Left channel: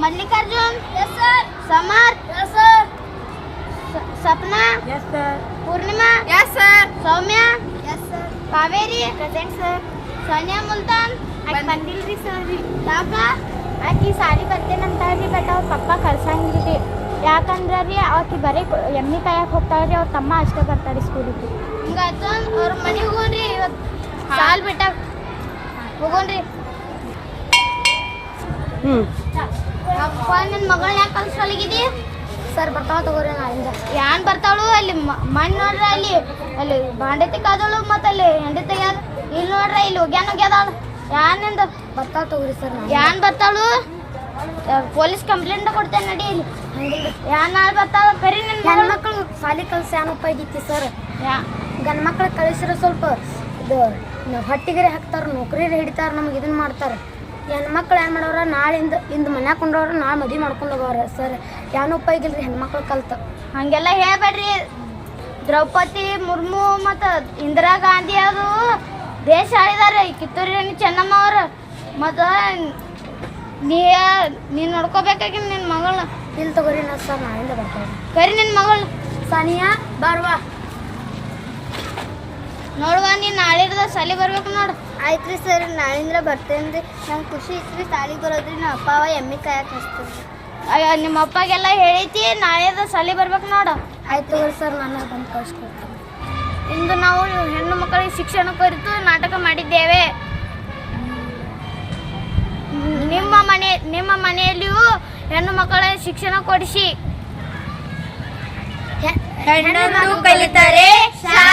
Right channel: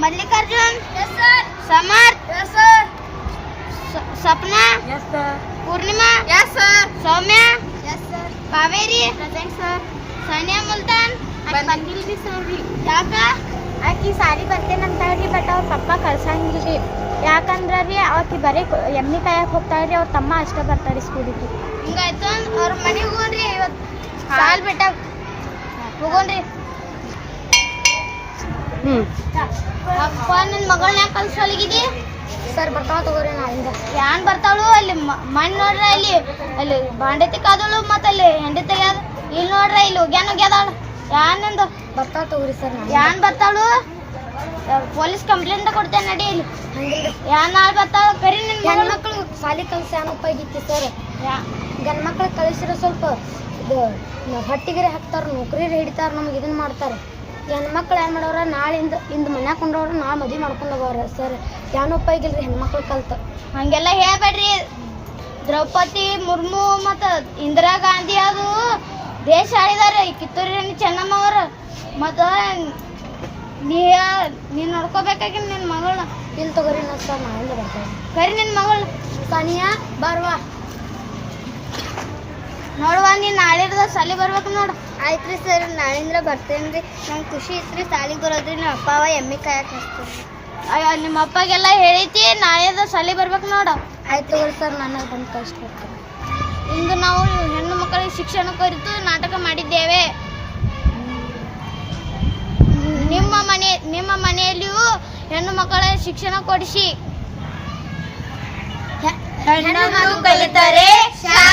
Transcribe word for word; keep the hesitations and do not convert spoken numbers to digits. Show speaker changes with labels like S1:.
S1: Mallikarjun
S2: yes sir
S1: Samarth
S2: yes sir
S1: Sapna
S2: yes sir
S1: Purnima
S2: yes sir
S1: Saumya
S2: yes sir
S1: Kaveri
S2: present sir
S1: Sania Multan
S2: ಬಂದಿಲ್ರಿ sir ರೀ
S1: ಯಾಕ
S2: ಆಕಿ ಸಾರಿ ಬರ್ತೇನಂತ ರೀ ಬಟ್ ಅವ್ರ ಪಪ್ಪ ಕಳ್ಸಂಗಿಲ್ರಿ ಯಾಕಂದ್ರೆ ರೀ ಆಕಿ ಬರೀ ಎಮ್ಮಿ ಕಾಯಕ್ಕೆ ಹೋಗ್ತಾಳ್ರಿ ಅವ್ರ ತಮ್ಮ ಅಷ್ಟೇ ಬರ್ತಾರೆ ಸ್ಕೂಲಿಗೆ
S1: ಹಿಂಗಾಯ್ತು ಅವ್ರ ಮನೆಗೆ ಹೋಗೋಣ್ರಿ ಇವತ್ತು
S2: ಸಾಲ್ ಬಿಟ್ಟಾಗ
S1: ಹೋಗೋಣ್ರಿ
S2: ಹ್ಞೂ
S1: ಅಪ್ಪ ನನ್ನ ಮಗಳನ್ನ ಯಾಕೆ ಕಳ್ಸೊಳಗಿದಿ
S2: ಸರ್ ಬರ್ತಾವ ತಗೋರಿ ನಾಳಿಂದ
S1: ಯಾನ್ ಬರ್ತಾವಳು ಅಲ್ಲಿ ಮಣ್ಣು ನೋಡ್ರ ಅಲ್ಲಿ ಅಲ್ಲಿ ಬಾಂಡೆ ತಿಕ್ಕಾದಳು ಮತ್ತು ಅಲ್ಲಿ ಹೆಂಡೆ ತೆಗ್ಯಾದ ಇಲ್ಲಿ ನೋಡ್ರ ಇಲ್ಲಿ ಹೋಗ್ಯಾನ ಹೋಗ್ಯಾದಾಳು ಯಾನಿಂದ
S2: ಬರ್ತಾವ ತಗೋರಿ ಸರ್ ನಾನು
S1: ಯಾನ್ ಬರ್ತಾಳು ಪೊಲೀಸ್ ಕಂಪ್ಲೇಂಟ್ ಕೊಡ್ತೇನೆ ನಡಿ ಇಲ್ಲಿ ಯಾನ್ ನಾಳೆ ಬರ್ತಾಳು ಕರಿ ನಿನ್ನ
S2: ಹೆಣ್ಮಕ್ಳು ಸಾಲಿ ಕಲ್ಸಿ ಏನು ಉಪಯೋಗ ಐತಿ ಸರ್ ಗಂಡು ಮಕ್ಳು ಕಳಿಸಿರೋ ಸ್ವಲ್ಪ ಇದು ಹೊಟ್ಟಿಗೆರೆ ಹಾಕ್ತಾರೆ ನೌಕರಿ ಹಿಡಿತಾರೆ ನಮಗೆ ಇದನ್ನ ಮಾಡ್ತಾರೆ ಹೆಣ್ಮಕ್ಳು ಏನು ಮಾಡೋರ ನಾಳಿಂದ ಇಂದು ಮನ್ಯಾಗ ಕೊಂಡವ್ರ ನಾಳೆ ಮದುವೆ ಮಾಡ್ಕೊಂಡು ಹೋಗೋರ ಸರ್ ಏನು ಉಪಯೋಗ ಇಲ್ರಿ ಹೆಣ್ಮಕ್ಳು ಕಲ್ತು
S1: ಹಂಗೆಲ್ಲ ಹೇಳ್ಬೇಡ್ರಿ ದ್ರೌಪದಿ ಮುರ್ಮು ಮತ್ತು ಇಂದಿರಾ ಗಾಂಧಿ ಅದು ದೇಶ ಆಳಿದಾರೆ ಕಿತ್ತೂರು ರಾಣಿ ಚೆನ್ನಮ್ಮ ಅವರು ಮತ್ತು ನೀ ನೀನು ನೋಡ್ಕೋಬೇಕಾಗಿ ನಿನ್ನ ಮಗಳನ್ನ
S2: ಇಲ್ಲಿ ತಗೋರಿ ನಾ ಸರ್ ನಾಳಿಂದ ಬರ್ತೇವೆ
S1: ಕರಿ ನಿನ್ನ ಮಗಳು
S2: ಸಾನಿಯಾ ಬರ್ವಾ
S1: ನೋಡುವ ನೀನು ನಾಳಿರ್ದ ಸಾಲಿ ಬರ್ಬೇಕು ನೋಡು
S2: ಆಯ್ತು ರೀ ಸರ್ ನಾಳಿಂದ ಬರ್ತೇನೆ ರೀ ನಂಗೆ ಖುಷಿ ಇತ್ತು ಸಾಲಿಗೆ ಬರೋದ್ರಿ ನಮ್ಮ ಅಪ್ಪ ಅವ ಎಮ್ಮೆ ಕಾಯಕ್ಕೆ ಹಚ್ತೀರಿ
S1: ಅಯ್ಯೋ ನಿಮ್ಮ ಅಪ್ಪಗೆಲ್ಲ ಹೇಳೈತಿ ನಾಳೆದ ಸಾಲಿ ಬರ್ಬೇಕು ನೋಡು
S2: ಆಯ್ತು ತಗೋರಿ ಸರ್ ನಾನು ಬಂದು ಕಳಿಸ್ಕೊಡ್ತೀನಿ
S1: ಇಂದು ನಾವು ಹೆಣ್ಣು ಮಕ್ಕಳಿಗೆ ಶಿಕ್ಷಣ ಕುರಿತು ನಾಟಕ ಮಾಡಿದ್ದೇವೆ ನಿಮ್ಮ ಮನೆ ನಿಮ್ಮ ಮನೆಯಲ್ಲಿಯೂ ಹೆಣ್ಣು ಮಕ್ಕಳ ಶಿಕ್ಷಣ ಕೊಡಿಸಿ
S2: ಹೆಣ್ಣು ಮಕ್ಕಳು ಕಲಿತರೆ